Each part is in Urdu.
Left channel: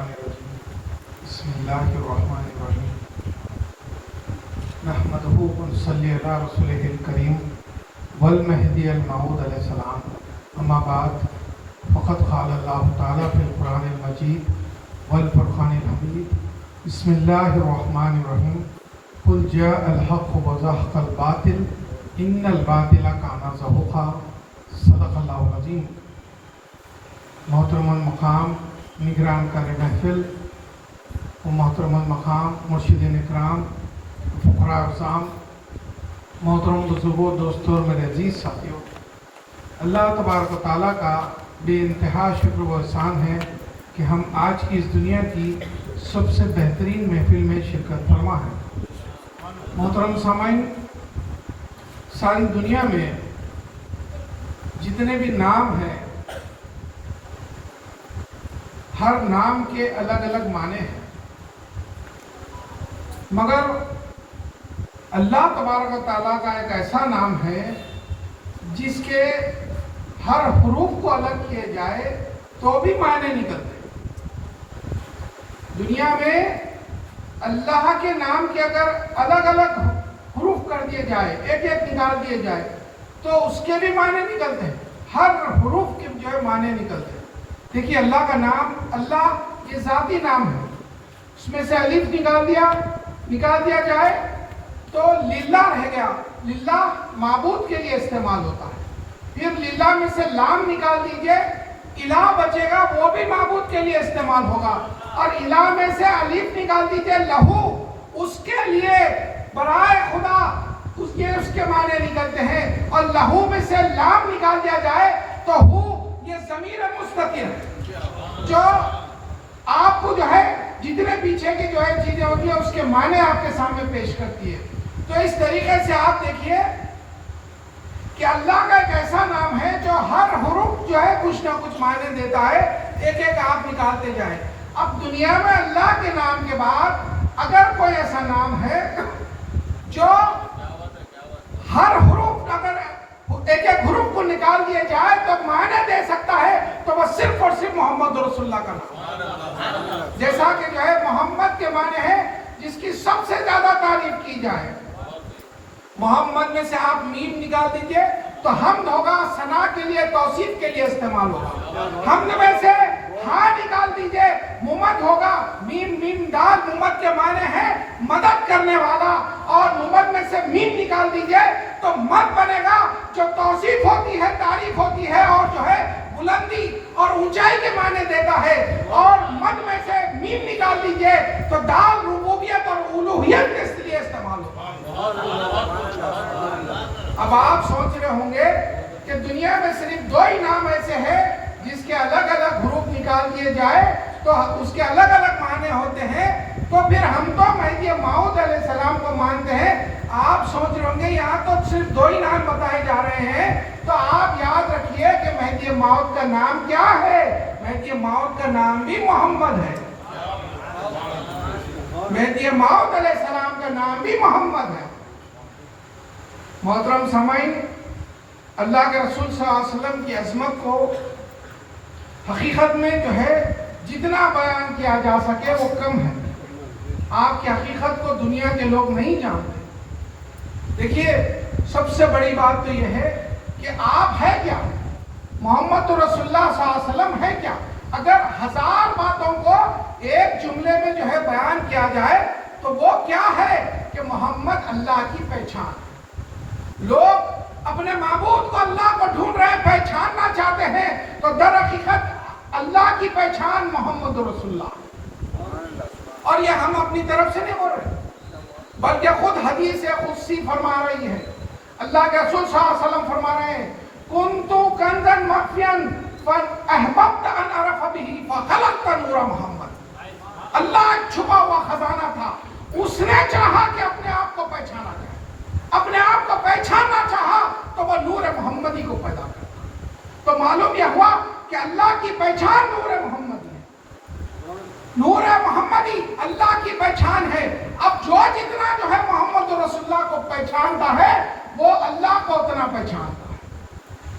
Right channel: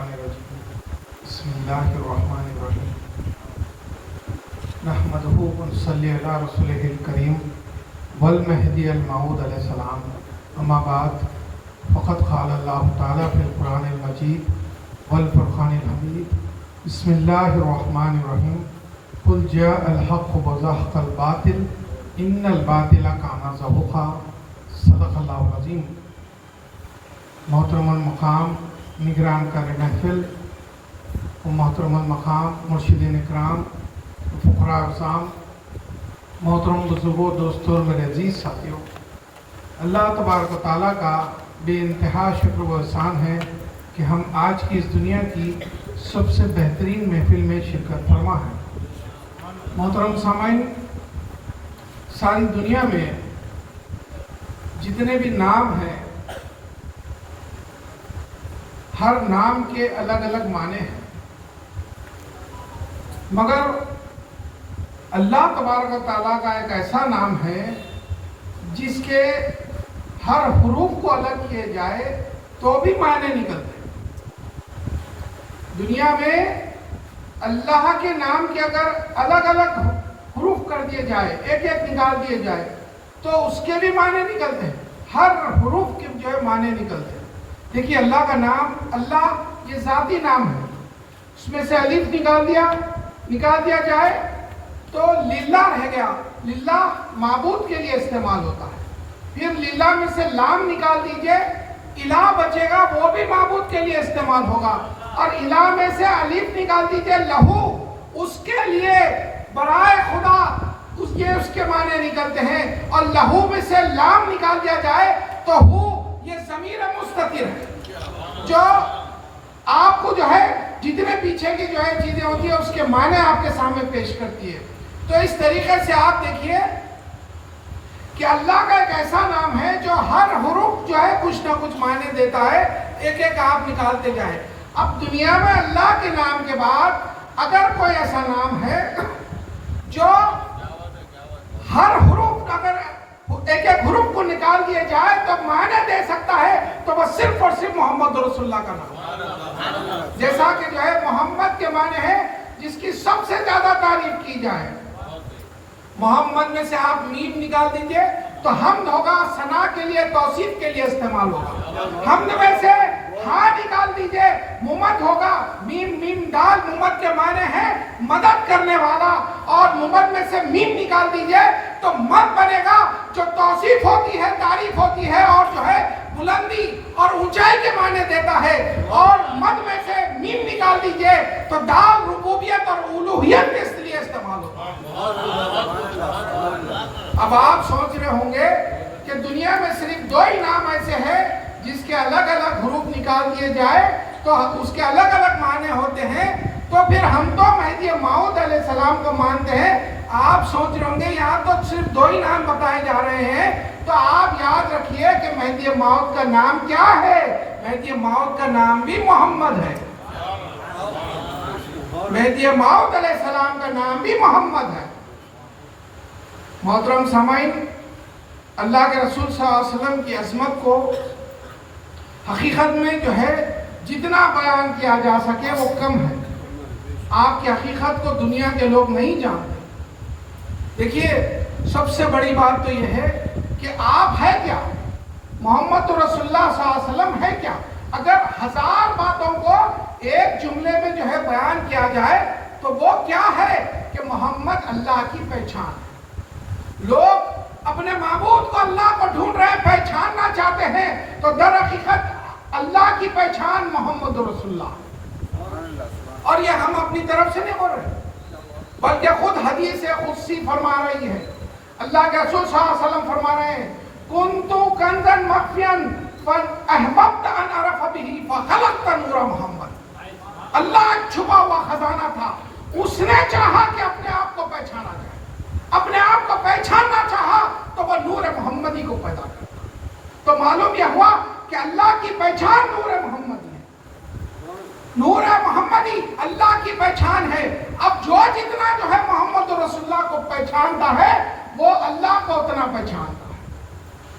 الشیطان الرجیم بسم اللہ الرحمن الرحیم نحمدہ ونصلی علی رسولہ الکریم والمہدی الموعود علیہ السلام اما بعد فقد قال اللہ تعالیٰ فی القرآن المجید والفرقان الحمید بسم اللہ الرحمن الرحیم قل جاء الحق وزهق الباطل ان الباطل کان زہوقا صدق اللہ العظیم۔ محترم المقام نگران کار محفل و محترم المقام مرشدین اکرام فقراء افضام، محترم بزرگوں، دوستوں اور میرے عزیز ساتھیوں، اللہ تبارک و تعالیٰ کا بے انتہا شکر و احسان ہے کہ ہم آج کی اس دنیا کی سب سے بہترین محفل میں شرکت فرما ہے۔ محترم سامعین، ساری دنیا میں جتنے بھی نام ہیں ہر نام کے الگ الگ معنی ہیں، مگر اللہ تبارک و تعالیٰ کا ایک ایسا نام ہے جس کے ہر حروف کو الگ کیے جائے تو بھی معنی نکلتے ہیں۔ دنیا میں اللہ کے نام کے اگر الگ الگ حروف کر دیے جائے، ایک ایک نکال دیے جائے تو اس کے بھی معنی نکلتے ہیں، ہر حروف کے جو ہے معنی نکلتے ہیں۔ دیکھیے اللہ کا نام، اللہ یہ ذاتی نام ہے، اس میں سے الف نکال دیا جائے تو للہ رہ گیا، للہ معبود کے لیے استعمال ہوتا ہے۔ پھر للہ میں سے لام نکال دیجئے، الہ بچے گا، وہ بھی معبود کے لیے استعمال ہوگا، اور الہ میں سے الف نکال دیجئے لہو، اس کے لیے برائے خدا اس کے معنی نکلتے ہیں، اور لہو میں سے لام نکال دیا جائے تو ہو یہ ضمیر مستتر ہے جو آپ کو جو ہے جتنے پیچھے کی جو ہے چیزیں ہوتی ہیں اس کے معنی آپ کے سامنے پیش کرتی ہے۔ تو اس طریقے سے آپ دیکھیے کہ اللہ کا ایک ایسا نام ہے جو ہر حروف جو ہے کچھ نہ کچھ معنی دیتا ہے، ایک ایک آپ نکالتے جائیں۔ اب دنیا میں اللہ کے نام کے بعد اگر کوئی ایسا نام ہے جو ہر حروف اگر ایک ایک حروف کو نکال دیا جائے تو معنی دے سکتا ہے تو وہ صرف اور صرف محمد رسول اللہ کا نام، جیسا کہ جو ہے محمد کے معنی ہے جس کی سب سے زیادہ تعریف کی جائے۔ محمد میں سے آپ میم نکال دیجئے تو حمد ہوگا، ثنا کے لیے، توصیف کے لیے استعمال ہوگا۔ حمد میں سے ہاں نکال دیجئے، ممد ہوگا، میم دال ممد کے معنی ہے مدد کرنے والا، اور ممد میں سے میم نکال دیجئے تو مد بنے گا جو توصیف ہوتی ہے، تعریف ہوتی ہے، اور جو ہے بلندی اور اونچائی کے معنی دیتا ہے، اور مد میں سے میم نکال دیجئے تو دال ربوبیت اور الوہیت کے لیے استعمال ہوگا۔ اب آپ سوچ رہے ہوں گے کہ دنیا میں صرف دو ہی نام ایسے ہیں جس کے الگ الگ حروف نکال دیے جائے تو اس کے الگ الگ معنی ہوتے ہیں، تو پھر ہم تو مہدی موعود علیہ السلام کو مانتے ہیں۔ آپ سوچ رہے ہوں گے یہاں تو صرف دو ہی نام بتائے جا رہے ہیں، تو آپ یاد رکھیے کہ مہدی موعود کا نام کیا ہے؟ مہدی موعود کا نام بھی محمد ہے، مہدی موعود علیہ السلام کا نام بھی محمد ہے۔ محترم سامعین، اللہ کے رسول صلی اللہ علیہ وسلم کی عظمت کو حقیقت میں جو ہے جتنا بیان کیا جا سکے وہ کم ہے۔ آپ کی حقیقت کو دنیا کے لوگ نہیں جانتے۔ دیکھیے سب سے بڑی بات تو یہ ہے کہ آپ ہے کیا، محمد رسول اللہ صلی اللہ علیہ وسلم ہے کیا۔ اگر 1000 باتوں کو ایک جملے میں جو ہے بیان کیا جائے تو وہ کیا ہے کہ محمد اللہ کی پہچان ہے۔ لوگ اپنے معبود کو، اللہ کو ڈھونڈ رہے ہیں، پہچاننا چاہتے ہیں، تو در حقیقت اللہ کی پہچان محمد رسول اللہ، اور یہ ہم اپنی طرف سے نہیں بول رہے بلکہ خود حدیث قدسی فرما رہی ہے۔ اللہ کے رسول صلی اللہ علیہ وسلم فرما رہے ہیں کنتو کنزن مخفین فاحببت ان اعرف به فخلقت نور محمد۔ اللہ ایک چھپا ہوا خزانہ تھا، اس نے چاہا کہ اپنے آپ کو پہچانا جائے، اپنے آپ کو پہچاننا چاہا تو وہ نور محمدی کو پیدا کر۔ تو معلوم یہ ہوا کہ اللہ کی پہچان نور محمدی ہے، نور محمدی اللہ کی پہچان ہے۔ اب جو جتنا جو ہے محمد رسول اللہ کو پہچانتا ہے وہ اللہ کو اتنا پہچانتا ہے،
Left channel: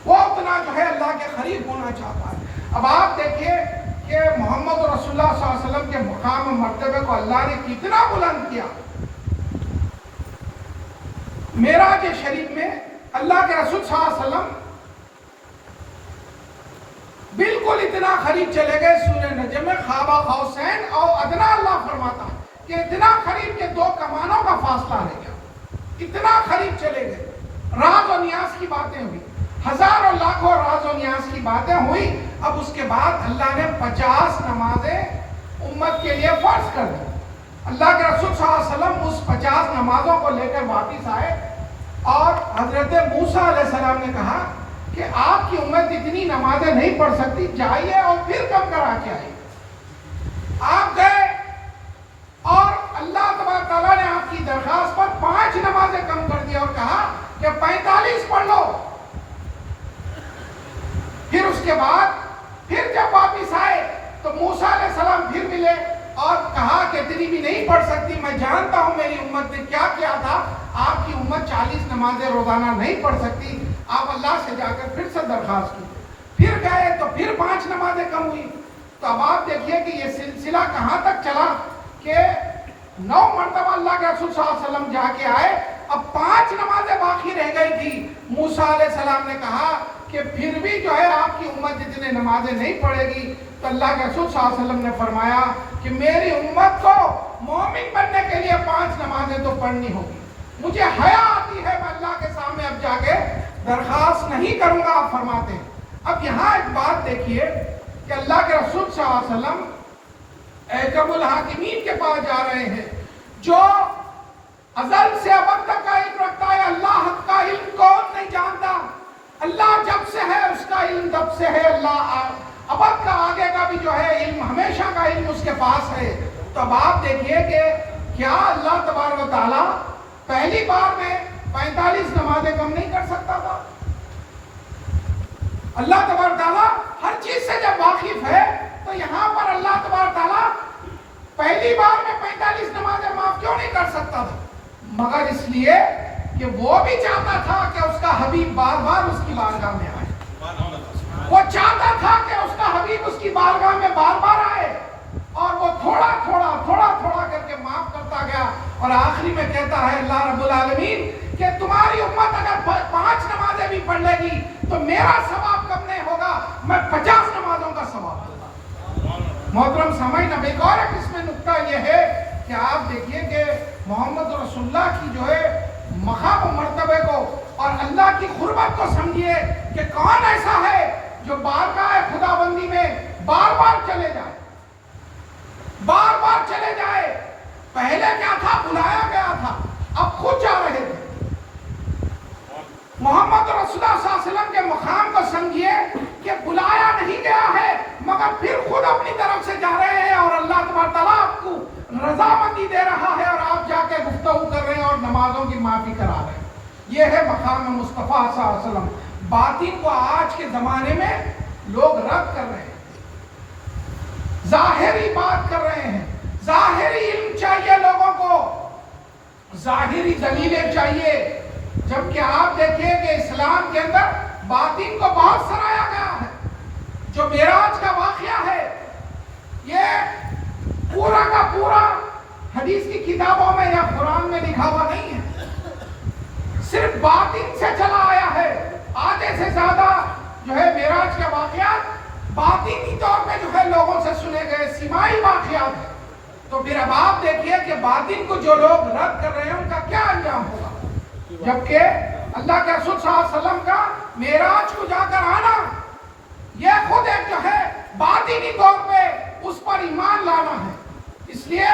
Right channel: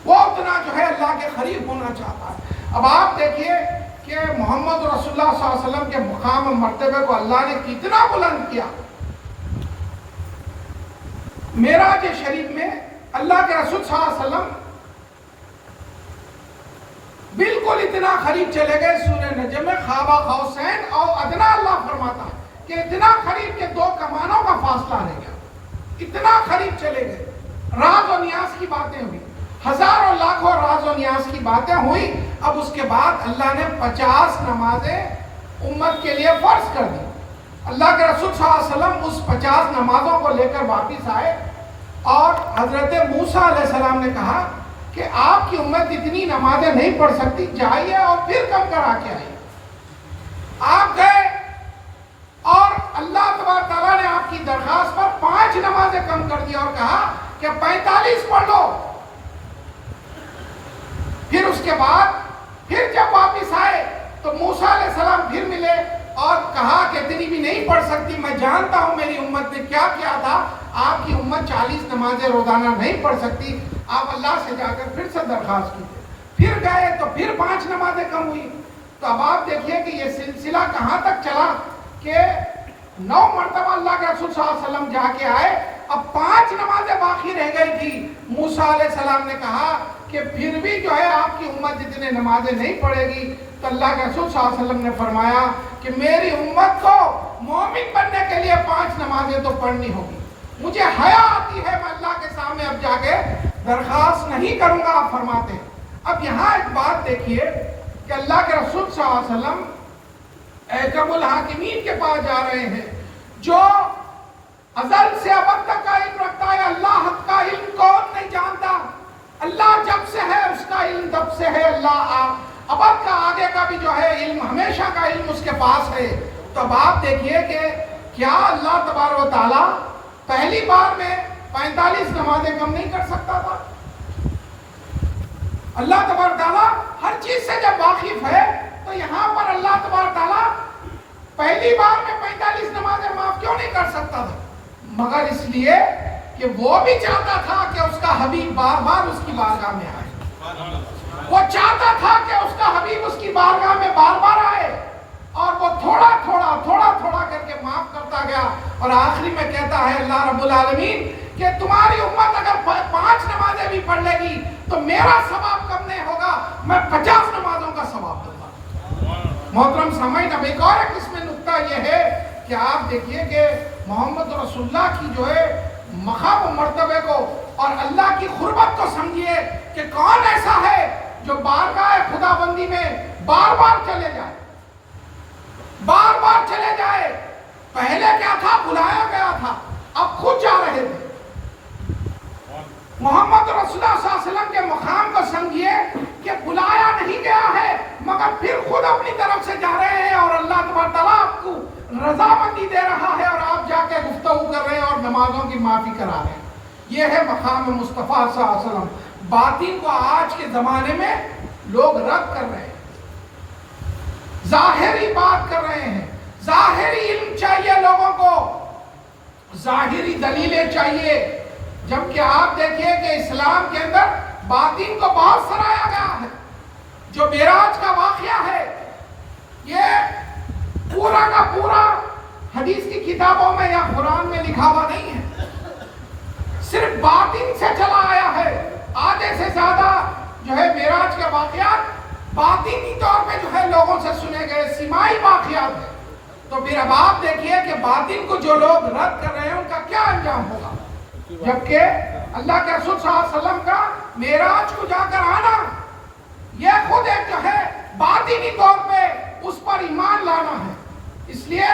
وہ اتنا جو ہے اللہ کے قریب ہونا چاہتا ہے۔ اب آپ دیکھیے کہ کہ محمد رسول اللہ صلی اللہ علیہ وسلم کے مقام و مرتبے کو اللہ نے کتنا بلند کیا. معراج شریف میں اللہ کے رسول صلی اللہ علیہ وسلم بالکل اتنا قریب چلے گئے. سورہ نجم میں خواب قوسین اور ادنا اللہ فرماتا ہے کہ اتنا قریب کہ 2 کمانوں کا فاصلہ رہ گیا. اتنا قریب چلے گئے. راز و نیاز کی باتیں ہوئی, ہزاروں لاکھوں راز و نیاز کی باتیں ہوئی. اب اس کے بعد اللہ نے 50 نمازیں امت کے لیے فرض کر دی. اللہ کے رسول صلی اللہ علیہ وسلم اس 50 نمازوں کو لے کر واپس آئے اور حضرت موسیٰ علیہ السلام نے کہا کہ آپ کی امت اتنی نمازیں نہیں پڑھ سکتی, جائیے اور پھر کم کرا کے آئیے. آپ گئے اور اللہ تبارک تعالیٰ نے آپ کی درخواست پر 5 نمازیں کم کر دی اور کہا کہ 45 پڑھ لو. پھر اس کے بعد پھر جب واپس آئے تو موسیٰ علیہ السلام پھر ملے اور کہا کہ اتنی بھی نہیں پڑھ سکتی, میں جانتا ہوں میری امت نے کیا کیا تھا. آپ کی امت 40 نمازیں روزانہ نہیں پڑھ سکتی. آپ اللہ سے جا کر پھر سے درخواست کی. پھر گئے تو پھر 5 نمازیں کم ہوئی. تو اب آپ دیکھیے کہ یہ سلسلہ کہاں تک چلا کہ 9 مرتبہ اللہ کے رسول صلی اللہ علیہ وسلم جا کے آئے. اب 5 نمازیں باقی رہ گئی تھی. موسیٰ علیہ السلام نے کہا کہ پھر بھی جو ہے آپ کی امت اتنے نمازیں نہیں پڑھے گی. تو اللہ کے رسول صلی اللہ علیہ وسلم نے فرمایا کہ میری امت کو مومن بننے کے لیے 5 نمازیں تو پڑھنی ہوگی. مجھے حیا آتی ہے, میں اللہ کے سامنے اب جا کے درخواست نہیں کروں گا. آپ فرماتے ہیں. اب یہاں ایک بات دیکھیے کہ اللہ کے رسول صلی اللہ علیہ وسلم احکم الحاکمین کے پاس جا رہے ہیں جو ازل سے ابد تک کا علم رکھتا ہے. اللہ کا علم کون نہیں جانتا. اللہ جب سے ہے اس کا علم تب سے ہے. اللہ ابد کا آگے کا بھی جو ہے علم, ہمیشہ کا علم اس کے پاس ہے. تو اب آپ دیکھیے کہ کیا اللہ تبارک و تعالیٰ پہلی بار میں 45 نمازیں کم نہیں کر سکتا تھا. اللہ تبارک تعالیٰ ہر چیز سے جب واقف ہے تو یہاں پر اللہ تبارک تعالیٰ پہلی بار میں 45 نمازیں معاف کیوں نہیں کر سکتا تھا؟ مگر اس لیے کہ وہ بھی چاہتا تھا کہ اس کا حبیب بار بار اس کی بارگاہ میں آئے. وہ چاہتا تھا کہ اس کا حبیب اس کی بارگاہ میں بار بار آئے اور وہ تھوڑا تھوڑا کر کے معاف کرتا گیا. اور آخری میں کہتا ہے اللہ رب العالمین کہ تمہاری امت اگر 5 نمازیں بھی پڑھ لے گی تو میرا ثواب کم نہیں ہوگا, میں 50 نمازوں کا ثواب دوں گا. محترم سامعین, اب ایک اور اس میں نکتہ یہ ہے کہ آپ دیکھیے کہ محمد رسول اللہ کی جو ہے مقام و مرتبے کو اور اللہ کی قربت کو سمجھیے کہ کون ایسا ہے جو بارگاہ خدا بندی میں بار بار چلے جائے. پہلے کیا تھا, بلایا گیا تھا, اب خود جا رہے تھے. محمد رسول اللہ صلی اللہ علیہ وسلم کے مقام کو سمجھیے کہ بلایا نہیں گیا ہے مگر پھر خود اپنی طرف سے جا رہے ہیں اور اللہ تبارک تعالیٰ آپ کو رضامندی دے رہا ہے اور آپ جا کے گفتگو کر رہے ہیں اور نمازوں کی معافی کرا رہے ہیں. یہ ہے مقام مصطفیٰ صلی اللہ علیہ وسلم. باطن کو آج کے زمانے میں لوگ رد کر رہے ہیں, ظاہری بات کر رہے ہیں. ظاہری علم چاہیے لوگوں کو, ظاہری دلیلیں چاہیے, جبکہ آپ دیکھیے کہ اسلام کے اندر باطن کو بہت سرایا گیا ہے. جو معراج کا واقعہ ہے یہ پورا کا پورا حدیث کی کتابوں میں یا قرآن میں لکھا ہوا نہیں ہے, صرف باطن سے چلا آیا ہے. آدھے سے زیادہ جو ہے معراج کا واقعات باطنی طور پہ جو ہے لوگوں سے سنے گئے سماعی واقعات ہیں. تو پھر اب آپ دیکھیے کہ باطن کو جو لوگ رد کر رہے ہیں ان کا کیا انجام ہوگا, جبکہ اللہ کے رسول صلی اللہ علیہ وسلم کا معراج کو جا کر آنا یہ خود ایک جو ہے باطنی طور پہ اس پر ایمان لانا ہے. اس لیے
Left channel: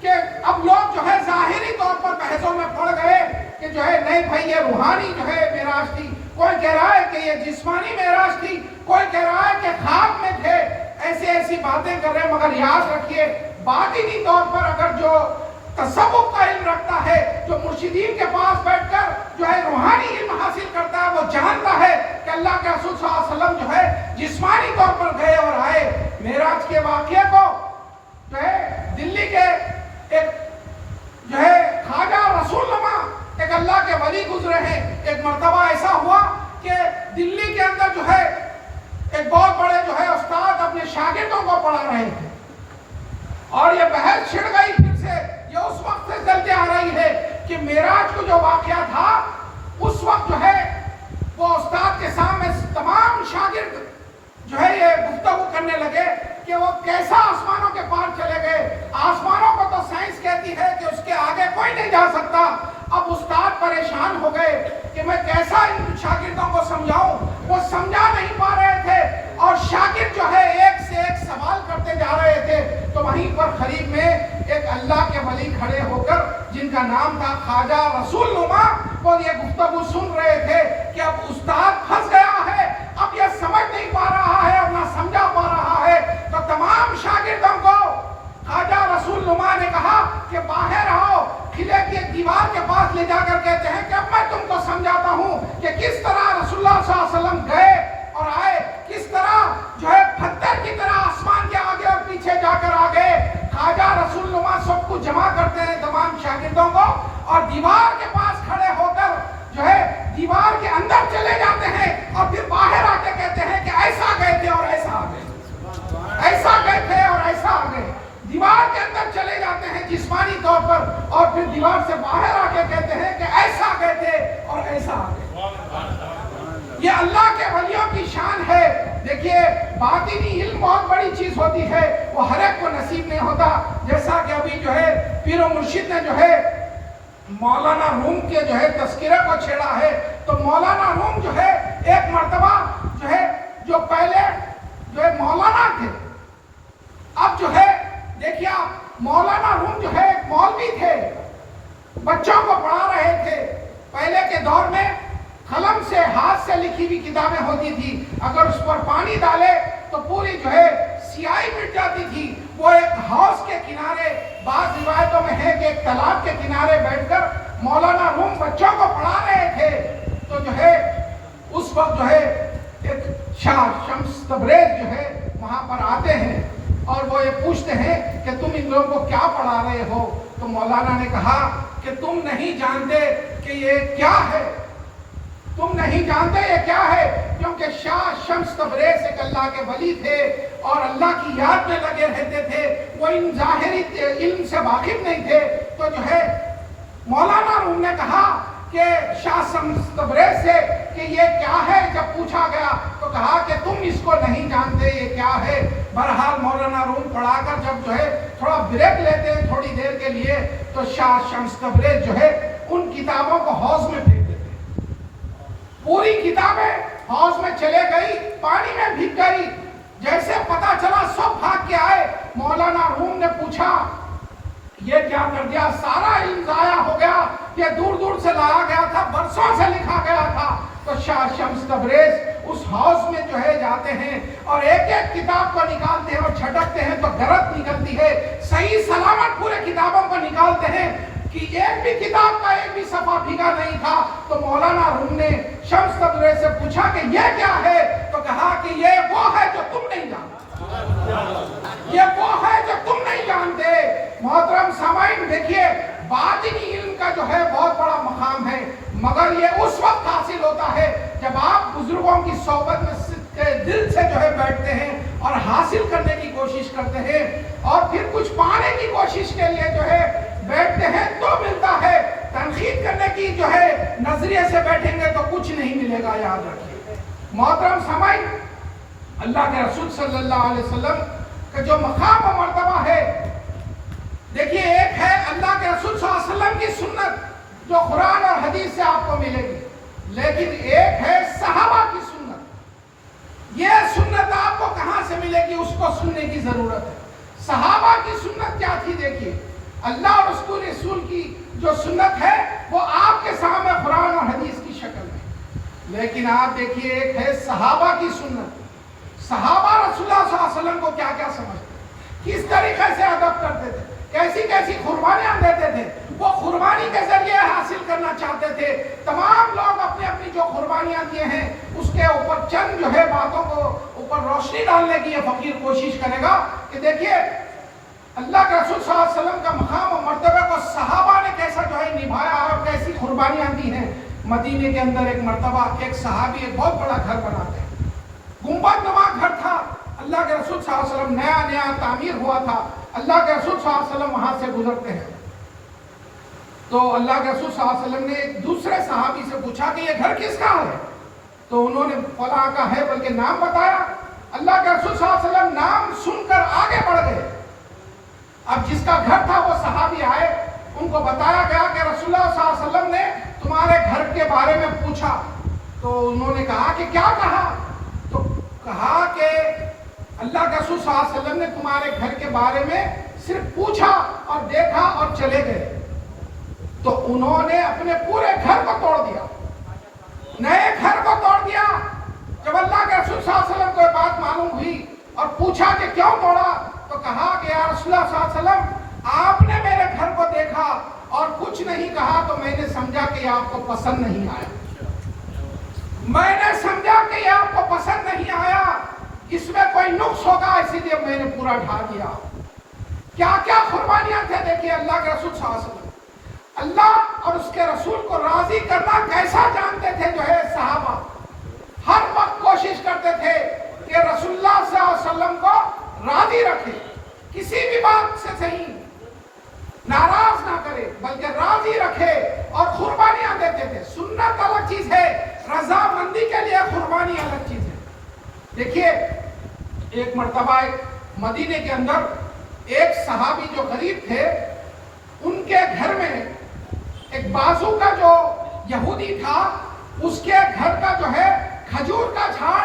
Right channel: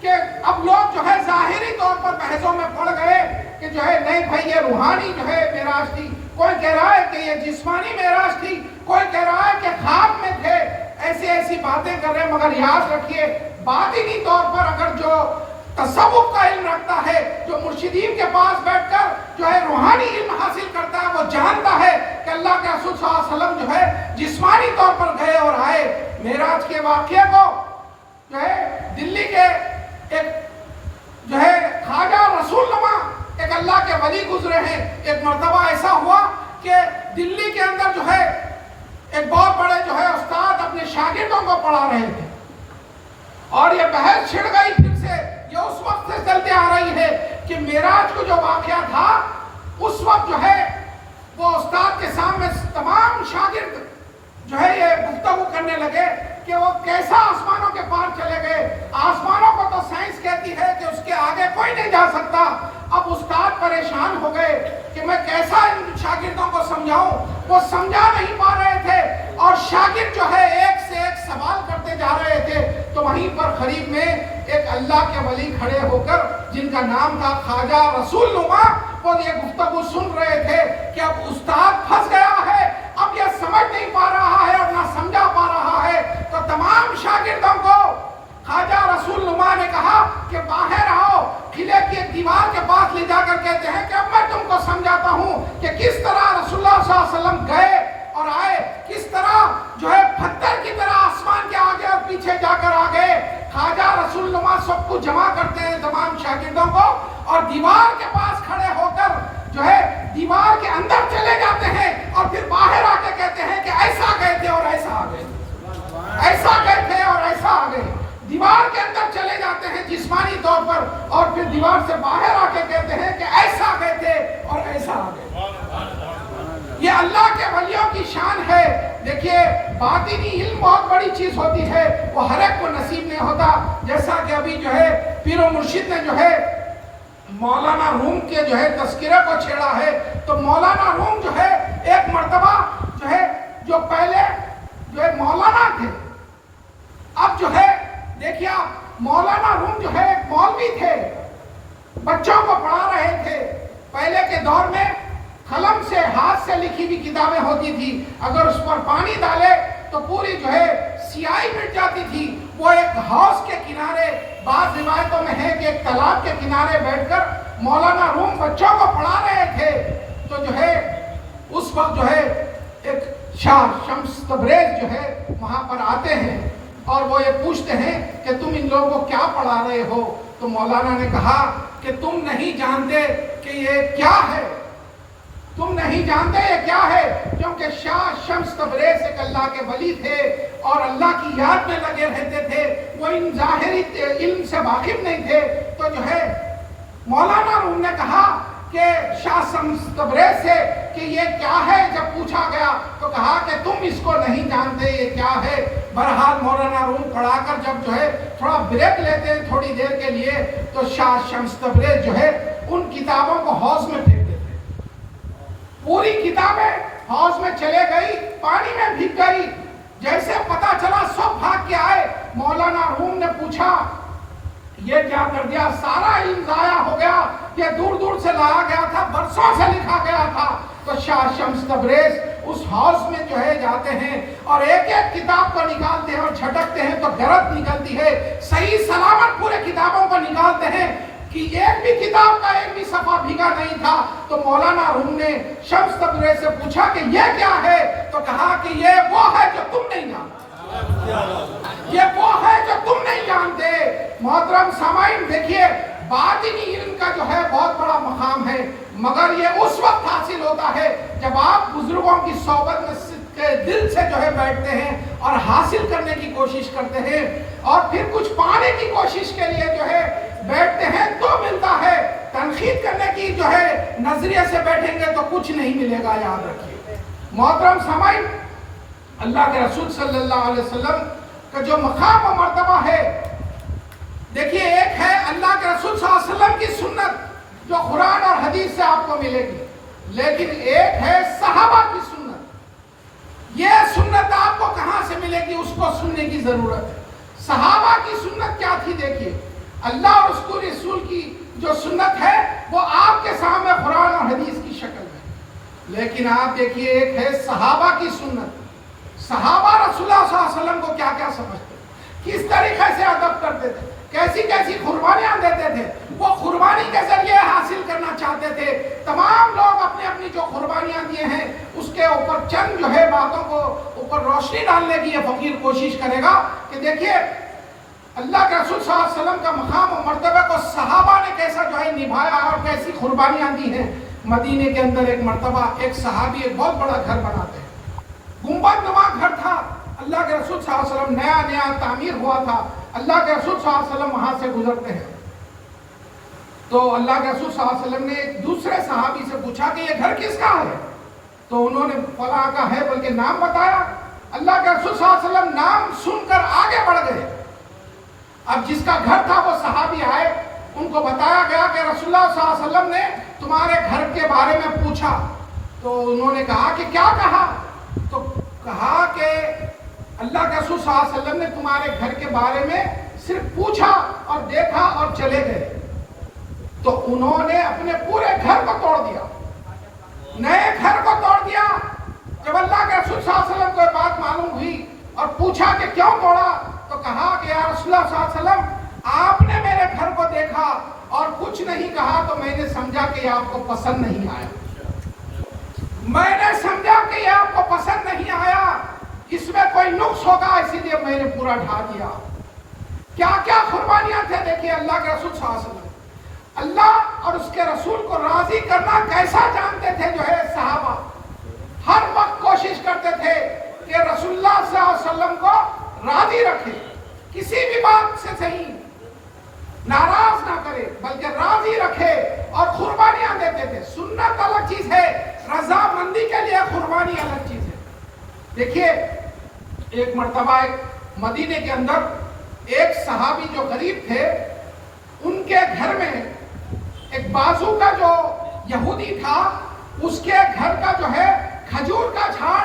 کہ اب لوگ جو ہے ظاہری طور پر بحثوں میں پڑ گئے کہ جو ہے نہیں بھائی یہ روحانی جو ہے معراج تھی, کوئی کہہ رہا ہے کہ یہ جسمانی معراج تھی, کوئی کہہ رہا ہے کہ خواب میں تھے. ایسی باتیں کر رہے ہیں. مگر یاد رکھیے باطنی طور پر اگر جو تصوف کا علم رکھتا ہے, جو مرشدین کے پاس بیٹھ کر جو ہے روحانی علم حاصل کرتا ہے, وہ جانتا ہے کہ اللہ کے رسول صلی اللہ علیہ وسلم جو ہے جسمانی طور پر گئے اور آئے. معراج کے واقعے کو جو ہے دلی کے ایک جو ہے خواجہ رسول نما ایک اللہ کے ولی گزرے ہیں. ایک مرتبہ ایسا ہوا کہ دلی کے اندر جو ہے ایک بہت بڑے جو ہے استاد اپنے شاگردوں کو پڑھا رہے تھے اور یہ بحث چھڑ گئی پھر سے، یہ اس وقت سے چلتے آ رہی ہے کہ معراج کو جو واقعہ تھا اس وقت جو ہے وہ استاد کے سامنے تمام شاگرد جو ہے یہ گفتگو کرنے لگے کہ وہ کیسا آسمانوں کے پار چلے گئے، آسمانوں کو تو سائنس کہتی ہے کہ اس کے آگے کوئی نہیں جا سکتا۔ اب استاد پریشان ہو گئے کہ میں کیسا ان شاگردوں کو سمجھاؤں، وہ سمجھا نہیں پا رہے تھے اور شاگرد جو ہے ایک سے ایک سوال کرتے جا رہے تھے۔ تو وہیں پر قریب میں ایک اللہ کے ولی کھڑے ہو کر جن کا نام تھا خواجہ رسول نما، وہ یہ گفتگو سن رہے تھے کہ اب استاد پھنس گیا ہے، اب یہ سمجھ نہیں پا رہا ہے اور نہ سمجھا پا رہا ہے۔ تو تمام شاگردوں کو خواجہ رسول نما نے کہا کہ باہر آؤ، قلعے کی ایک دیوار کے پاس لے جا کر کہتے ہیں کہ اب میں تم کو سمجھاتا ہوں کہ کس طرح رسول اللہ صلی اللہ علیہ وسلم گئے اور آئے، کس طرح جو ہے پتھر کی طرح آسمان کے آگے اور پیچھے جا کر آگے۔ خواجہ رسول نما سب کو جمع کرتے ہیں تمام شاگردوں کو اور دیوار کے پاس کھڑے ہو کر جو ہے دیوار کے اندر چلے جاتے ہیں اور پھر باہر آ کے کہتے ہیں کہ ایسا گئے تھے اور ایسا آ گئے، ایسا گئے تھے اور ایسا آ گئے۔ دیوار کے اندر چلے جاتے ہیں جسمانی طور پر اور پھر دیوار سے باہر آ کے کہتے ہیں کہ ایسا گئے تھے اور ایسا آ گئے۔ یہ اللہ کے ولیوں کی شان ہے۔ دیکھیے باطنی علم بہت بڑی چیز ہوتی ہے، وہ ہر ایک کو نصیب نہیں ہوتا۔ جیسا کہ ابھی جو ہے پیر و مرشد نے جو ہے مولانا روم کے جو ہے تذکرہ کو چھیڑا ہے، تو مولانا روم جو ہے ایک مرتبہ جو ہے جو پہلے جو ہے مولانا تھے، اب جو ہے دیکھیے مولانا روم جو ہے ایک مولوی تھے، بچوں کو پڑھا رہے تھے۔ پہلے کے دور میں قلم سے ہاتھ سے لکھی ہوئی کتابیں ہوتی تھی، اگر اس پر پانی ڈالے تو پوری جو ہے سیاہی مٹ جاتی تھی۔ وہ ایک ہاؤس کے کنارے، بعض روایتوں میں ہے کہ ایک تالاب کے کنارے بیٹھ کر مولانا روم بچوں کو پڑھا رہے تھے۔ تو جو ہے اس وقت جو ہے ایک شاہ شمس تبریز جو ہے وہاں پر آتے ہیں اور وہ یہ پوچھتے ہیں کہ تم ان لوگوں کو کیا پڑھا رہے ہو؟ تو مولانا نے کہا کہ تم نہیں جانتے کہ یہ کیا ہے، تم نہیں جانتے یہ کیا ہے، کیونکہ شاہ شمس تبریز ایک اللہ کے ولی تھے اور اللہ کی یاد میں لگے رہتے تھے، وہ ان ظاہری علم سے واقف نہیں تھے۔ تو جو ہے مولانا روم نے کہا کہ شاہ شمس تبریز سے کہ یہ کیا ہے، جب پوچھا گیا تو کہا کہ تم اس کو نہیں جانتے یہ کیا ہے۔ بہرحال مولانا روم پڑھا کر جب جو ہے تھوڑا بریک لیتے ہیں تھوڑی دیر کے لیے، تو شاہ شمس تبریز جو ہے ان کتابوں کو حوض میں پھینک دیتے، پوری کتابیں حوض میں چلے گئی، پانی میں بھیگ گئی۔ جیسے پتا چلا سب بھاگ کے آئے۔ مولانا روم نے پوچھا یہ کیا کر دیا، سارا علم ضائع ہو گیا، یہ دور دور سے لایا گیا تھا، برسوں سے لکھا گیا تھا۔ تو شاہ شمس تبریز اس ہاؤس میں جو ہے جاتے ہیں اور ایک ایک کتاب کو نکالتے ہیں اور جھٹکتے ہیں تو گرد نکلتی ہے، صحیح سلامت پورے کتابوں کو نکالتے ہیں کہ ایک بھی کتاب کا ایک بھی صفحہ بھیگا نہیں تھا۔ تو مولانا روم نے شمس تبریز سے پوچھا کہ یہ کیا ہے، تو کہا کہ یہ وہ ہے جو تم نہیں جانتے، یہ وہ ہے جو تم نہیں جانتے۔ محترم سامعین دیکھیے باطنی علم کا جو ہے بہت بڑا مقام ہے، مگر یہ اس وقت حاصل ہوتا ہے جب آپ بزرگوں کی صحبت میں کے دل سے جو ہے بیٹھتے ہیں اور حاصل کرنے کی کوشش کرتے ہیں اور پھر کچھ پانے کی کوشش کے لیے جو ہے بیٹھتے ہیں تو ملتا ہے۔ تنقید کرنے کی جو ہے نظریے سے بیٹھیں گے تو کچھ نہیں ملے گا، یاد رکھیے۔ محترم سامعین، اللہ کے رسول صلی اللہ علیہ وسلم کا جو مقام و مرتبہ ہے، دیکھیے ایک ہے اللہ کے رسول صلی اللہ علیہ وسلم کی سنت جو قرآن اور حدیث سے آپ کو ملے گی، لیکن ایک ہے صحابہ کی سنت۔ یہ سنت آپ کو کہاں سے ملے گی، اس کو سننے کی ضرورت ہے۔ صحابہ کی سنت کیا تھی؟ دیکھیے اللہ اور اس کو رسول کی جو سنت ہے وہ آپ کے سامنے قرآن اور حدیث کی شکل میں، لیکن آپ دیکھیے ایک ہے صحابہ کی سنت۔ صحابہ رسول اللہ صلی اللہ علیہ وسلم کو کیا کیا سمجھتے، کس طریقے سے ادب کرتے تھے، کیسی کیسی قربانیاں دیتے تھے، وہ قربانی کے ذریعے حاصل کرنا چاہتے تھے۔ تمام لوگ اپنی اپنی جو قربانیاں دیے ہیں اس کے اوپر چند جو ہے باتوں کو اوپر روشنی ڈالنے کی یہ فقیر کوشش کرے گا کہ دیکھیے اللہ کے رسول صلی اللہ علیہ وسلم کا مقام و مرتبہ کو صحابہ نے کیسا جو ہے نبھایا اور کیسی قربانیاں دی ہیں۔ مدینے کے اندر ایک مرتبہ ایک صحابی ایک بہت بڑا گھر بناتے ہیں، گنبد نما اللہ کے رسول صلی اللہ علیہ وسلم نیا نیا تعمیر ہوا تھا، اللہ کے رسول صلی اللہ علیہ وسلم وہاں سے گزرتے ہیں تو اللہ کے رسول صلی اللہ علیہ وسلم نے ایک دوسرے صحابی سے پوچھا کہ یہ گھر کس کا ہے؟ تو انہوں نے فلاں کا ہے بلکہ نام بتایا۔ اللہ کے رسول صلی اللہ علیہ وسلم نام سن کر آگے بڑھ گئے۔ اب جس کا گھر تھا وہ صحابی آئے، ان کو بتایا گیا کہ رسول اللہ صلی اللہ علیہ وسلم نے تمہارے گھر کے بارے میں پوچھا۔ تو انہوں نے کہا کہ کیا کہا؟ تو کہا کہ اللہ کے رسول صلی اللہ علیہ وسلم نے تمہارے گھر کے بارے میں صرف پوچھا اور دیکھا اور چلے گئے۔ تو انہوں نے اپنے پورے گھر کو توڑ دیا، نئے گھر کو توڑ دیا۔ جب اللہ کے رسول صلی اللہ علیہ وسلم کو یہ بات معلوم ہوئی اور پوچھا کہ کیوں توڑا، تو کہا کہ یا رسول اللہ صلی اللہ علیہ وسلم آپ نے میرے گھر کو دیکھا اور کچھ نہیں کہا تو میں نے سمجھا کہ یہ آپ کو پسند نہیں آیا، میں نے سمجھا کہ یہ آپ کو پسند نہیں آیا، اس میں کوئی نقص ہوگا، اسی لیے میں نے پورا ڈھا دیا۔ کیا کیا قربانیاں تھے دیکھیے اللہ کے رسول صلی اللہ علیہ وسلم۔ اللہ اور اس کے رسول کو راضی کرنا کیسا جانتے تھے جو ہے صحابہ، ہر وقت کوشش کرتے تھے کہ رسول اللہ صلی اللہ علیہ وسلم کو راضی رکھے، کسی بھی بات سے صحیح ناراض نہ کرے بلکہ راضی رکھے، اور قربانیاں دیتے تھے۔ سنت الگ چیز ہے، رضامندی کے لیے قربانی الگ چیز ہے۔ دیکھیے ایک مرتبہ مدینے کے اندر ایک صحابی جو غریب تھے، ان کے گھر میں ایک بازو کا جو یہودی تھا، اس کے گھر کا جو ہے کھجور کا جھاڑ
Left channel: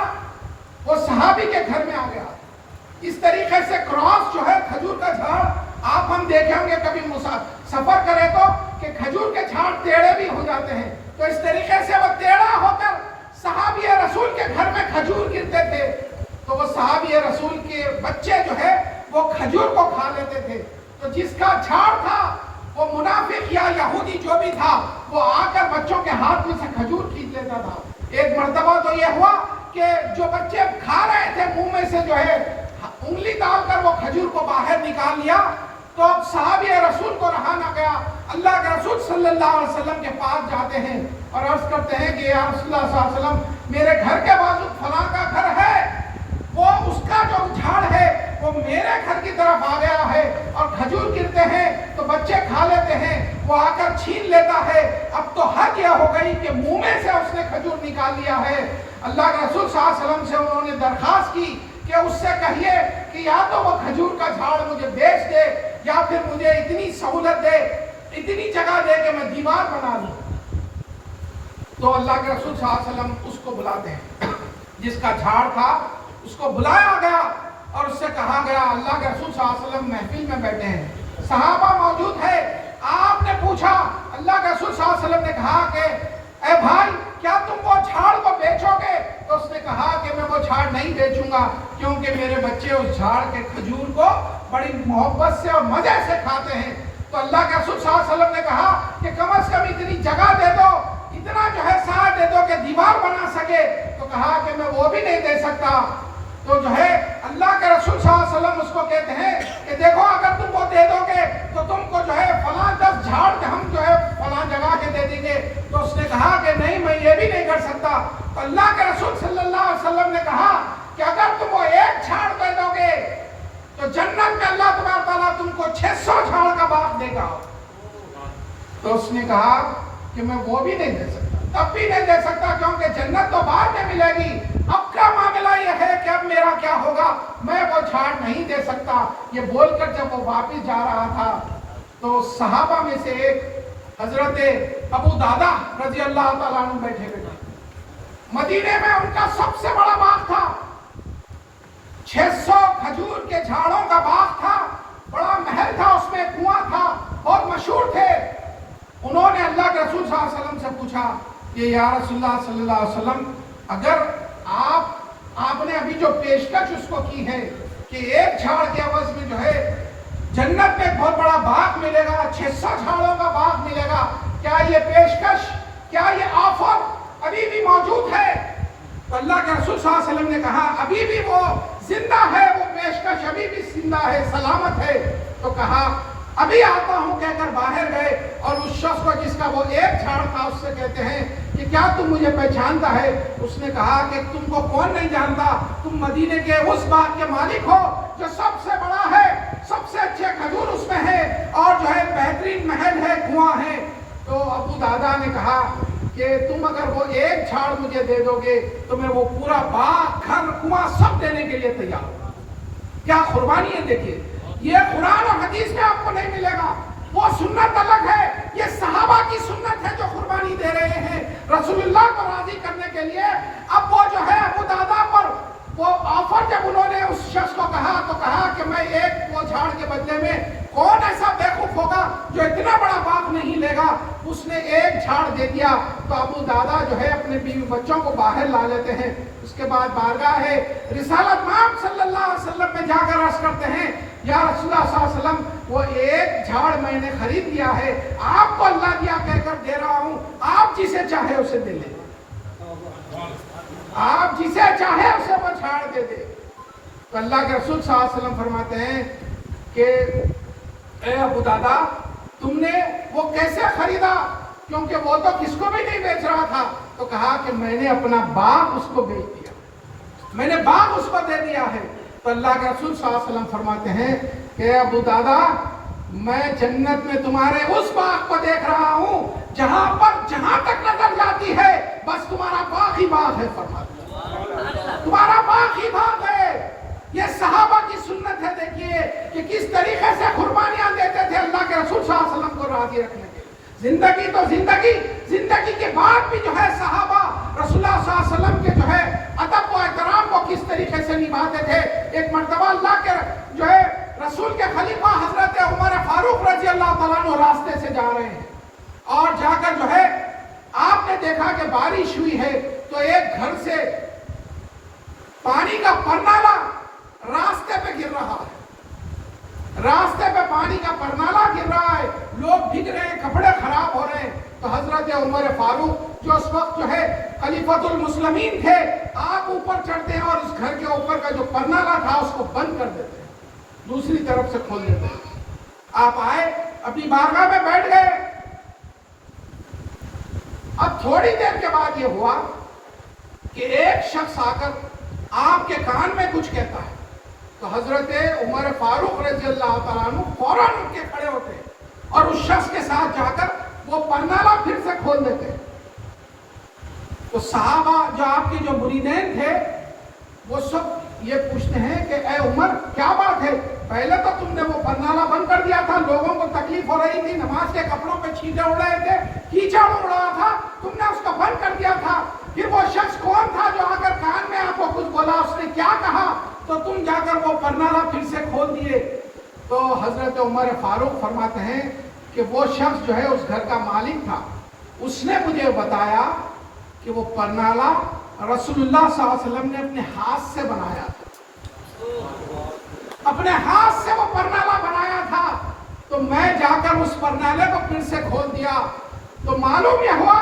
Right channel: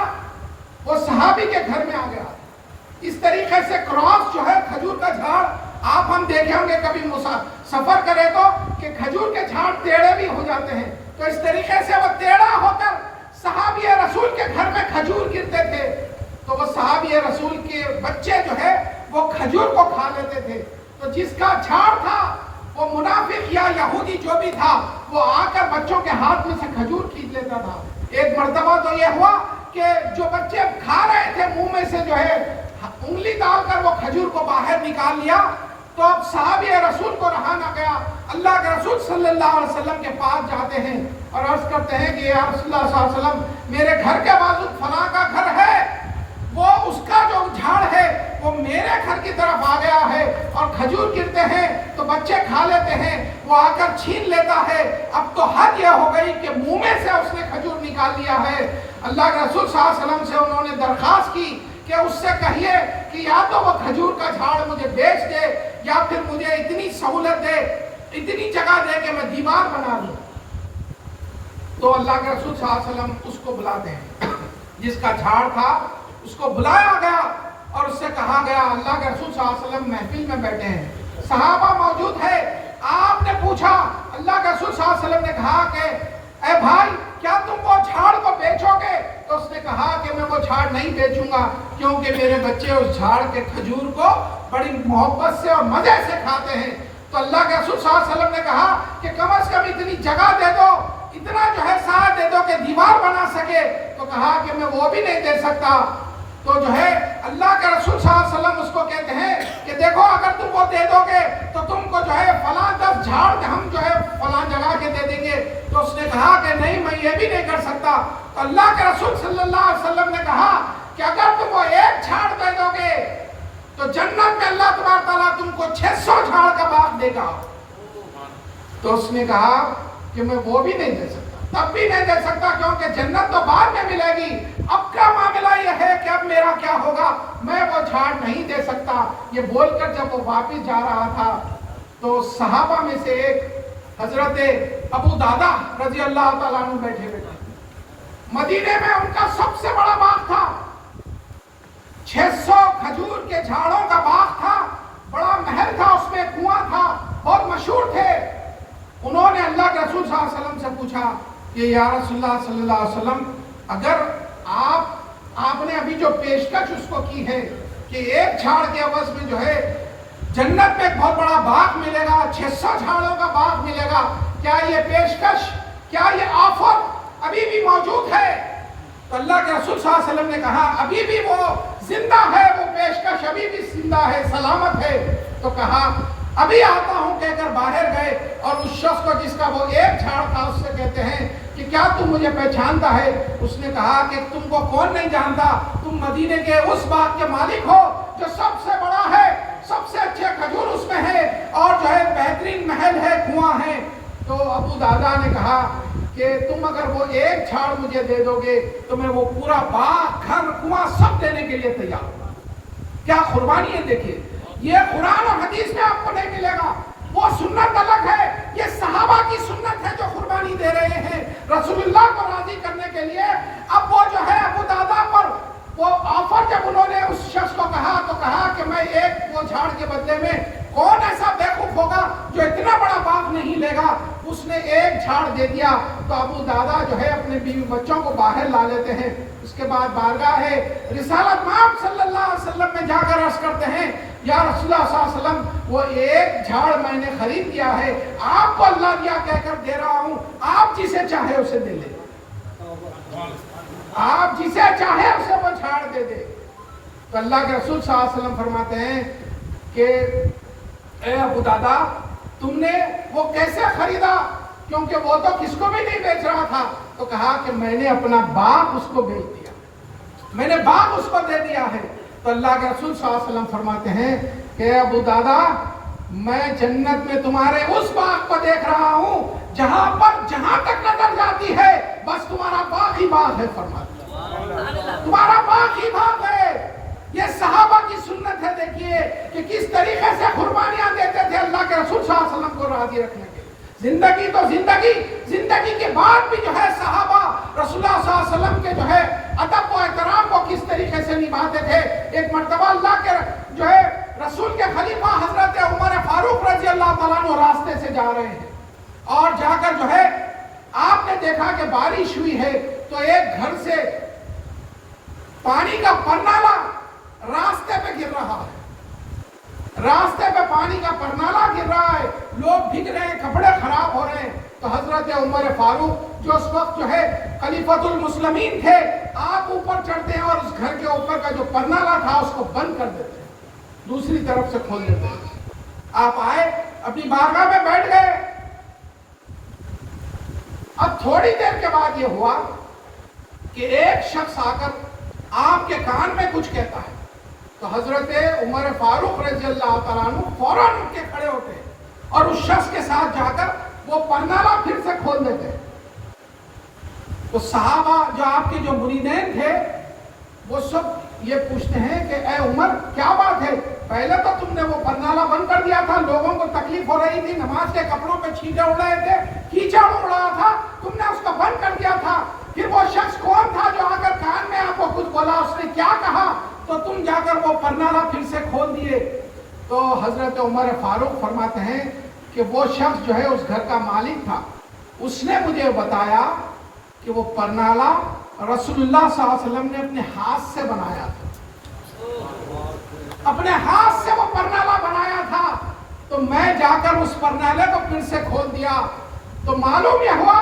وہ صحابی کے گھر میں آ گیا۔ اس طریقے سے کراس جو ہے کھجور کا جھاڑ، آپ ہم دیکھیں ہوں گے کبھی سفر کرے تو کہ کھجور کے جھاڑ ٹیڑھے بھی ہو جاتے ہیں، تو اس طریقے سے وہ ٹیڑھا ہو کر صحابی رسول کے گھر میں کھجور گرتے تھے، تو وہ صحابی رسول کے بچے جو ہے وہ کھجور کو کھا لیتے تھے۔ تو جس کا جھاڑ تھا وہ منافق یا یہودی جو بھی تھا، وہ آ کر بچوں کے ہاتھ میں سے کھجور کھینچ لیتا تھا۔ ایک مرتبہ تو یہ ہوا کہ جو بچے کھا رہے تھے منہ میں سے جو ہے انگلی ڈال کر وہ کھجور کو باہر نکال لیا، تو اب صحابی رسول کو رہا نہ گیا، اللہ کے رسول صلی اللہ علیہ وسلم کے پاس جاتے ہیں اور عرض کرتے ہیں کہ یا رسول اللہ صلی اللہ علیہ وسلم میرے گھر کے بازو فلاں کا گھر ہے، وہ اس کا جو جھاڑ ہے وہ میرے گھر کی طرف آ گیا ہے اور کھجور گرتے ہیں تو بچے کھا لیتے ہیں، وہ آ کر چھین لیتا ہے، اب تو حد یہ ہو گئی کہ منہ میں سے اس نے کھجور نکال لیا ہے۔ اللہ کے رسول صلی اللہ علیہ وسلم سے انہوں نے درخواست کی کہ اس سے کہیے کہ یا تو وہ کھجور کا جھاڑ مجھے بیچ دے یا پھر مجھے اتنی سہولت دے، اتنی جگہ دے کہ میں دیوار بنا دوں۔ تو اللہ کے رسول صلی اللہ علیہ وسلم اس کو بلاتے ہیں، جس کا جھاڑ تھا اس کو بلایا گیا اور اس سے کہا گیا، اللہ کے رسول صلی اللہ علیہ وسلم محفل میں بیٹھے ہیں، صحابہ موجود ہے، آپ نے پوچھا، اللہ کے رسول صلی اللہ علیہ وسلم نے کہا کہ اے بھائی کیا تم وہ جھاڑ کو بیچو گے؟ تو اس نے کہا کہ میں وہ جھاڑ نہیں بیچوں گا، کیونکہ میرے بچے اس جھاڑ کے کھجور کو بڑی محبت سے اور مزے سے کھاتے ہیں۔ تو اللہ کے رسول صلی اللہ علیہ وسلم نے کہا کہ کم از کم اتنی جگہ دے دو، اتنا جو ہے ساتھ دے دو کہ دیوار بنا سکے۔ تو کہا کہ میں وہ بھی نہیں دے سکتا۔ تو جو ہے اللہ کے رسول صلی اللہ علیہ وسلم اس کو کہتے ہیں کہ دیکھو اگر تم وہ دے دو گے تو تم کو جو ہے فلاں 10 جھاڑ ہم جو ہے فلاں جگہ کے دے دیں گے۔ تو اس نے کہا کہ نہیں میں یہ بھی نہیں کر سکتا۔ تو اللہ کے رسول صلی اللہ علیہ وسلم نے کہا کہ اگر تم وہ ایک جھاڑ دے دو گے تو جنت میں اللہ تبارک تعالیٰ تم کو 600 جھاڑ کا باغ دے گا۔ تو اس نے کہا کہ میں وہ بھی نہیں دے سکتا، تب بھی نہیں دے سکتا، کیونکہ جنت تو بعد میں ملے گی، اب کا معاملہ یہ ہے کہ اب میرا کیا ہوگا، میں وہ جھاڑ نہیں دے سکتا۔ یہ بول کر جب وہ واپس جا رہا تھا تو صحابہ میں سے ایک حضرت ابو دادا رضی اللہ تعالیٰ عنہ بیٹھے ہوئے تھے۔ مدینے میں ان کا سب سے بڑا باغ تھا، 600 کھجور کے جھاڑوں کا باغ تھا، بڑا محل تھا، اس میں کنواں تھا، بہت مشہور تھے۔ انہوں نے اللہ کے رسول صلی اللہ علیہ وسلم سے پوچھا کہ یا رسول اللہ صلی اللہ علیہ وسلم اگر آپ نے ابھی جو پیشکش اس کو کی ہے کہ ایک جھاڑ کے عوض میں جو ہے جنت میں ایک بہت بڑا باغ ملے گا، 600 جھاڑوں کا باغ ملے گا، کیا یہ پیشکش، کیا یہ آفر ابھی بھی موجود ہے؟ تو اللہ کے رسول صلی اللہ علیہ وسلم نے کہا ابھی بھی وہ زندہ ہے، وہ پیشکش ابھی بھی زندہ ہے، سلامت ہے۔ تو کہا ابھی آتا ہوں کہہ کر باہر گئے اور اس شخص کو جس کا وہ ایک جھاڑ تھا اس سے کہتے ہیں کہ کیا تم مجھے پہچانتا ہے؟ اس نے کہا کہ تم کو کون نہیں جانتا، تم مدینے کے اس باغ کے مالک ہو جو سب سے بڑا ہے، سب سے اچھے کھجور اس میں ہے، اور جو ہے بہترین محل ہے، کنواں ہے۔ تو ابو دادا نے کہا کہ تم اگر وہ ایک جھاڑ مجھے دے دو گے تو میں وہ پورا باغ، گھر، کنواں سب دینے کے لیے تیار ہوں۔ کیا قربانی ہے! دیکھیے، یہ قرآن اور حدیث میں آپ کو نہیں ملے گا۔ وہ سنت الگ ہے، یہ صحابہ کی سنت ہے جو قربانی دے رہے ہیں رسول اللہ کو راضی کرنے کے لیے۔ اب وہ جو ہے ابو دادا پر وہ آفر جب انہوں نے اس شخص کو کہا تو کہا کہ میں ایک وہ جھاڑ کے بدلے میں، کون ایسا بیوقوف ہوگا جو اتنا بڑا باغ نہیں لے گا؟ اس نے ایک جھاڑ دے دیا تو ابو دادا جو ہے اپنے بیوی بچوں کو باہر لا لیتے ہیں۔ اس کے بعد بارگاہ ہے رسالت مآب صلی اللہ علیہ وسلم میں جا کر عرض کرتے ہیں، یا رسول اللہ صلی اللہ علیہ وسلم، وہ ایک جھاڑ میں نے خرید لیا ہے، آپ کو اللہ دیا کہہ کر دے رہا ہوں، آپ جسے چاہے اسے دے لیں، آپ جسے چاہے اسے وہ جھاڑ دے دے۔ تو اللہ کے رسول صلی اللہ علیہ وسلم فرماتے ہیں کہ اے ابو دادا، تم نے وہ کیسے خریدا؟ کیونکہ وہ تو کس کو بھی نہیں بیچ رہا تھا۔ تو کہا کہ میں نے اپنا باغ اس کو بیچ دیا، میں نے باغ اس کو دے دیا ہے۔ تو اللہ کے رسول صلی اللہ علیہ وسلم فرماتے ہیں کہ اے ابو دادا، میں جنت میں تمہارے اس باغ کو دیکھ رہا ہوں جہاں تک نظر جاتی ہے بس تمہارا باغ ہی باغ ہے۔ فرماتے تمہارا باغ ہی باغ ہے۔ یہ صحابہ کی سنت ہے۔ دیکھیے کہ کس طریقے سے قربانیاں دیتے تھے اللہ کے رسول صلی اللہ علیہ وسلم کو راضی رکھنے کے۔ زندگی تو زندگی کے بعد بھی جو ہے صحابہ رسول اللہ صلی اللہ علیہ وسلم کے جو ہے ادب و احترام کو کس طریقے سے نبھاتے تھے۔ ایک مرتبہ اللہ کے جو ہے رسول کے خلیفہ حضرت عمر فاروق رضی اللہ تعالیٰ عنہ راستے سے جا رہے ہیں، اور جا کر جو ہے آپ نے دیکھا کہ بارش ہوئی ہے تو ایک گھر سے پانی کا پرنالا راستے پہ گر رہا ہے، راستے پہ پانی کا پرنالا گر رہا ہے، لوگ بھیگ رہے ہیں، کپڑے خراب ہو رہے ہیں۔ تو حضرت عمر فاروق جو اس وقت جو ہے خلیفۃ المسلمین تھے، آپ اوپر چڑھتے ہیں اور اس گھر کے اوپر کا جو پرنالا تھا اس کو بند کر دیتے ہیں، دوسری طرف سے کھول دیتے ہیں۔ آپ آئے، اپنی بارگاہ میں بیٹھ گئے۔ اب تھوڑی دیر کے بعد یہ ہوا کہ ایک شخص آ کر آپ کے کان میں کچھ کہتا ہے۔ تو حضرت عمر فاروق رضی اللہ تعالیٰ عنہ فوراً اٹھ کے کھڑے ہوتے اور اس شخص کے ساتھ جا کر وہ پرنالا پھر سے کھول دیتے۔ تو صحابہ جو آپ کے جو مریدین تھے وہ سب یہ پوچھتے ہیں کہ اے عمر، کیا بات ہے؟ پہلے تو تم نے وہ پرنالا بند کر دیا تھا، لوگوں کو تکلیف ہو رہی تھی، نماز کے کپڑوں پہ چھینٹے اڑ رہے تھے، کیچڑ اڑ رہا تھا، تم نے اس کو بند کر دیا تھا۔ پھر وہ شخص کون تھا جو اگر کان میں آپ کو کچھ بولا، اس نے کیا کہا تو تم جا کر وہ پرنالا پھر سے کھول دیے؟ تو حضرت عمر فاروق فرماتے ہیں کہ وہ شخص جو ہے اس گھر کا مالک تھا، اس نے مجھے بتایا کہ وہ پرنالا رسول اللہ صلی اللہ علیہ وسلم نے اپنے ہاتھ سے بنایا تھا، اپنے ہاتھ سے وہ پرنالا بنایا تھا۔ تو میں جا کر اس پرنالے کو پھر سے کھول دیا تو معلوم یہ ہوا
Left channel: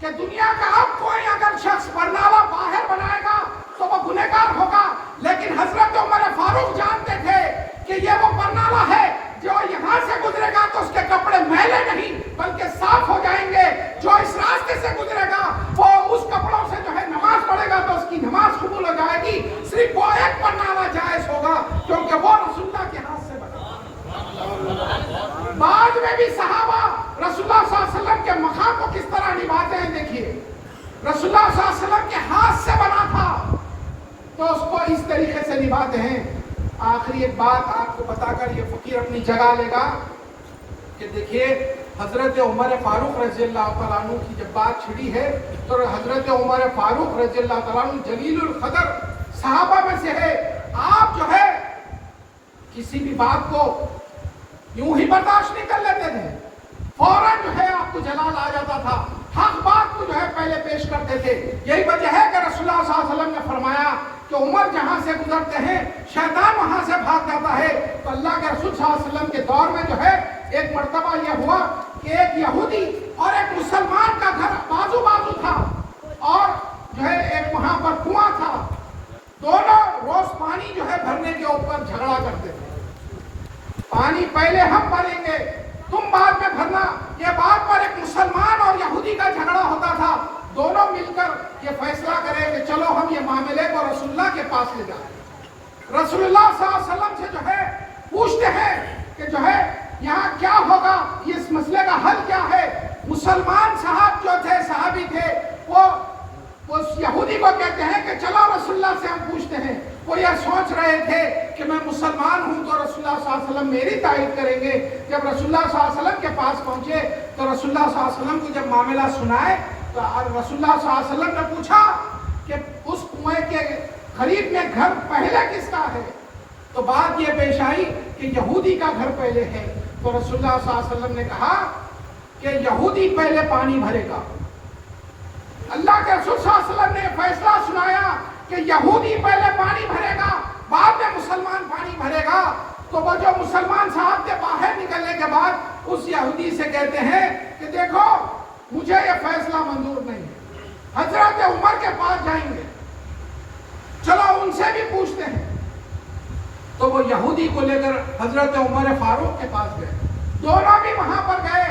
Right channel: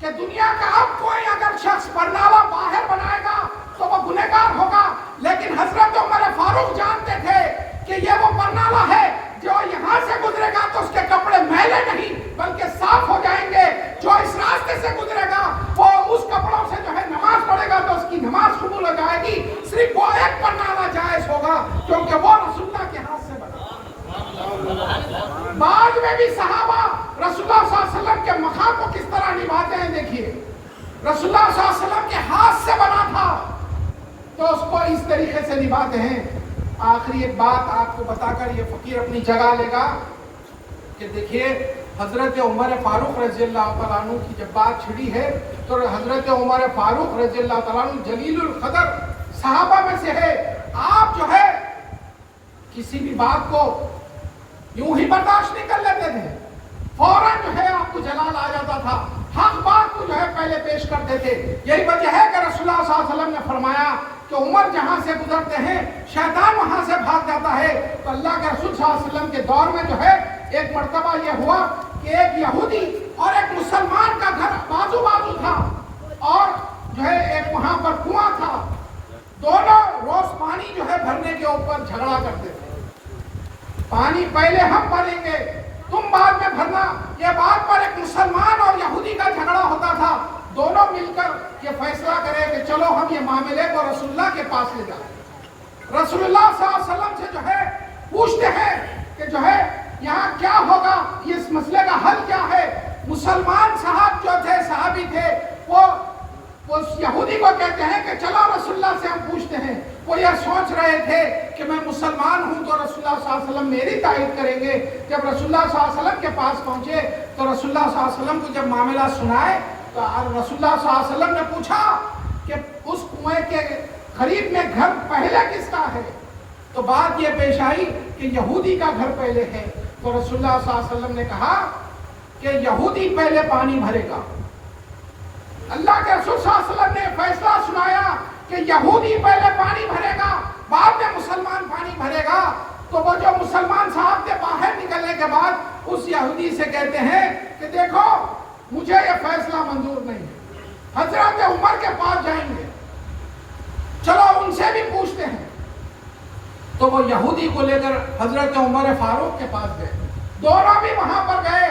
کہ دنیا کا اب کوئی اگر شخص پرنالا باہر بنائے گا تو وہ گنہگار ہوگا، لیکن حضرت عمر فاروق جانتے تھے کہ یہ وہ پرنالا ہے جو یہاں سے گزرے گا تو اس کے کپڑے میلے نہیں بلکہ صاف ہو جائیں گے، جو اس راستے سے گزرے گا وہ اس کپڑوں سے جو ہے نماز پڑھے گا تو اس کی نماز قبول ہو جائے گی، صرف وہ ایک پرنالا جائز ہوگا کیونکہ وہ رسول اللہ کے ہاتھ سے بنا۔ بعد میں بھی صحابہ رسول اللہ صلی اللہ علیہ وسلم کے مقام کو کس طرح نبھاتے ہیں۔ دیکھیے رسول اللہ صلی اللہ علیہ وسلم کے ہاتھ سے بنا تھا تو اس کو اس طریقے سے نبھاتے ہیں۔ آخری ایک بات آپ کو بتا کر یہ فقیر اپنی جگہ لے گا کہ دیکھیے حضرت عمر فاروق رضی اللہ تعالیٰ عنہ کی جب بات چھڑی ہے تو حضرت عمر فاروق رضی اللہ تعالیٰ عنہ جلیل القدر صحابہ میں سے ہے۔ آپ جو ہے کسی بھی بات کو یوں ہی برداشت نہیں کر لیتے تھے، فوراً جو ہے آپ کو جلال آ جاتا تھا، حق بات کو جو ہے پہلے پیش کرتے تھے۔ یہی وجہ ہے کہ رسول اللہ صلی اللہ علیہ وسلم نے فرمایا کہ عمر جہاں سے گزرتے ہیں شیطان وہاں سے بھاگ جاتا ہے۔ تو اللہ کے رسول صلی اللہ علیہ وسلم کے دور میں جو ہے ایک مرتبہ یہ ہوا کہ ایک یہودی اور ایک مسلمان کا گھر بازو بازو تھا اور جو ہے ایک وہاں پر کنواں تھا، دونوں روز پانی جو ہے بھرنے کے اوپر جھگڑا کرتے تھے، پانی پہلے ہم بھریں گے تم بعد میں بھرنا، یہ بات پر ایک مسلمان اور یہودی کا جھگڑا ہوتا تھا۔ دونوں مل کر یہ فیصلہ کرے کہ چلو ہم یہ معاملے کو رسول اللہ کے پاس لے جائیں. رسول اللہ صلی اللہ علیہ وسلم سے جو ہے پوچھتے ہیں کہ جو ہے یہاں کیا ہوگا, اس مسئلے کا حل کیا ہے. مسلمان صاحب جو تھے, صحابی تھے, وہ اس یہودی کو کہتے ہیں کہ چلو رسول اللہ سے ہم پوچھتے ہیں. وہ یہ سوچ رہے تھے کہ میں مسلمان ہوں تو رسول اللہ صلی اللہ علیہ وسلم میری تائید کریں گے. جب رسول اللہ صلی اللہ علیہ وسلم کے پاس پہنچے تو رسول اللہ صلی اللہ علیہ وسلم کو جب معاملہ سنائے تو رسول اللہ صلی اللہ علیہ وسلم نے پوچھا کہ اس کنویں کے قریب میں گھر پہلے کس کا ہے؟ تو بات یہ پیش آئی کہ یہودی کا گھر پہلے ہے. تو رسول اللہ صلی اللہ علیہ وسلم نے کہا کہ یہودی پہلے پانی بھرے گا. اللہ کے رسول صلی اللہ علیہ وسلم نے فیصلہ سنایا کہ یہودی پہلے پانی بھرے گا, بعد میں مسلمان پانی بھرے گا. تو وہ جو مسلمان صاحب کے باہر نکلنے کے بعد اس یہودی سے کہتے ہیں کہ دیکھو مجھے یہ فیصلہ منظور نہیں ہے, حضرت عمر کے پاس جائیں گے, چلو ان سے بھی پوچھتے ہیں. تو وہ یہودی کو لے کر حضرت عمر فاروق کے پاس گئے. دونوں بھی وہاں پر گئے,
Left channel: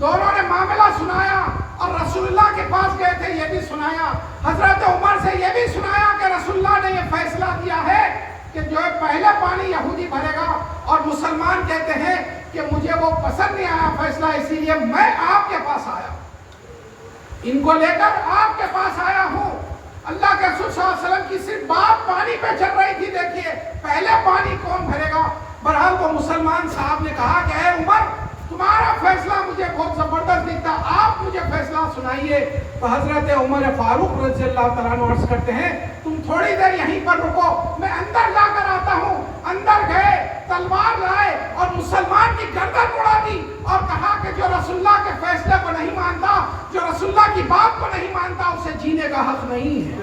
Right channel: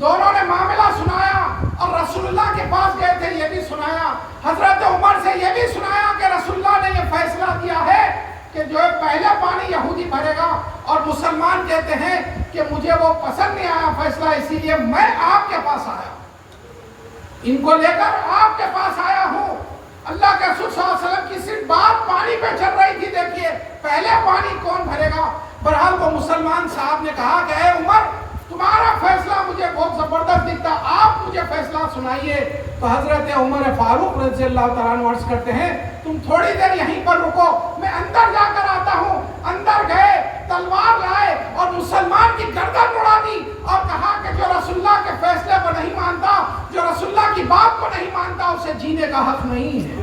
دونوں نے معاملہ سنایا اور رسول اللہ کے پاس گئے تھے, یہ بھی سنایا. حضرت عمر سے یہ بھی سنایا کہ رسول اللہ نے یہ فیصلہ کیا ہے کہ جو پہلے پانی یہودی بھرے گا, اور مسلمان کہتے ہیں کہ مجھے وہ پسند نہیں آیا فیصلہ, اسی لیے میں آپ کے پاس آیا, ان کو لے کر آپ کے پاس آیا ہوں. اللہ کے رسول صلی اللہ علیہ وسلم کی صرف بات پانی پہ چل رہی تھی. دیکھیے پہلے پانی کون بھرے گا. بہرحال وہ مسلمان صاحب نے کہا کہ اے عمر تمہارا فیصلہ مجھے بہت زبردست دکھتا, آپ مجھے فیصلہ سنائیے. تو حضرت عمر فاروق رضی اللہ تعالیٰ عنہ عرض کرتے ہیں تم تھوڑی دیر یہیں پر رکو, میں اندر جا کر آتا ہوں. اندر گئے, تلوار لائے اور مسلمان کی گردن اڑا دی اور کہا کہ جو رسول اللہ کے فیصلے کو نہیں مانتا, جو رسول اللہ کی بات کو نہیں مانتا, اسے جینے کا حق نہیں ہے,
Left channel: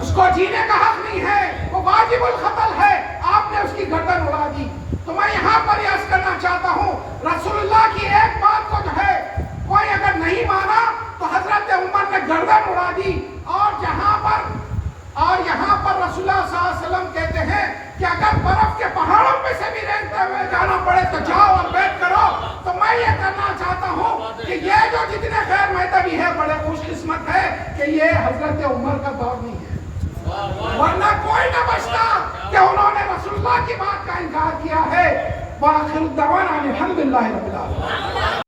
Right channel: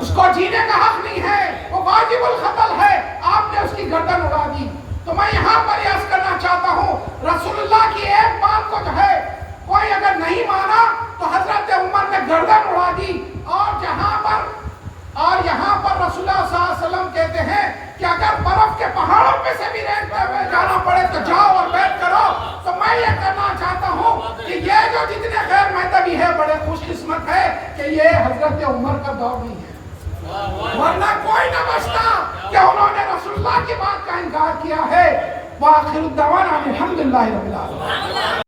اس کو جینے کا حق نہیں ہے, وہ واجب القتل ہے. آپ نے اس کی گردن اڑا دی. تو میں یہاں پر عرض کرنا چاہتا ہوں رسول اللہ کی ایک بات کو جو ہے کوئی اگر نہیں مانا تو حضرت عمر نے گردن اڑا دی. اور یہاں پر رسول اللہ صلی اللہ علیہ وسلم کہتے ہیں کہ اگر برف کے پہاڑوں پہ سے بھی رینگتے ہوئے جانا پڑے تو جاؤ اور بیٹھ کرو. تو میں یہ کرنا چاہتا ہوں کہ یہ جو جتنے غیر مذہبی ہے بڑے خوش قسمت ہے کہ یہ حضرت عمر کا دور نہیں ہے, ورنہ کوئی نہ بچتا کہ انہوں نے رسول اللہ کی بات کا انکار کیا ہے. وآخر الدعوانا الحمدللہ رب العالمین.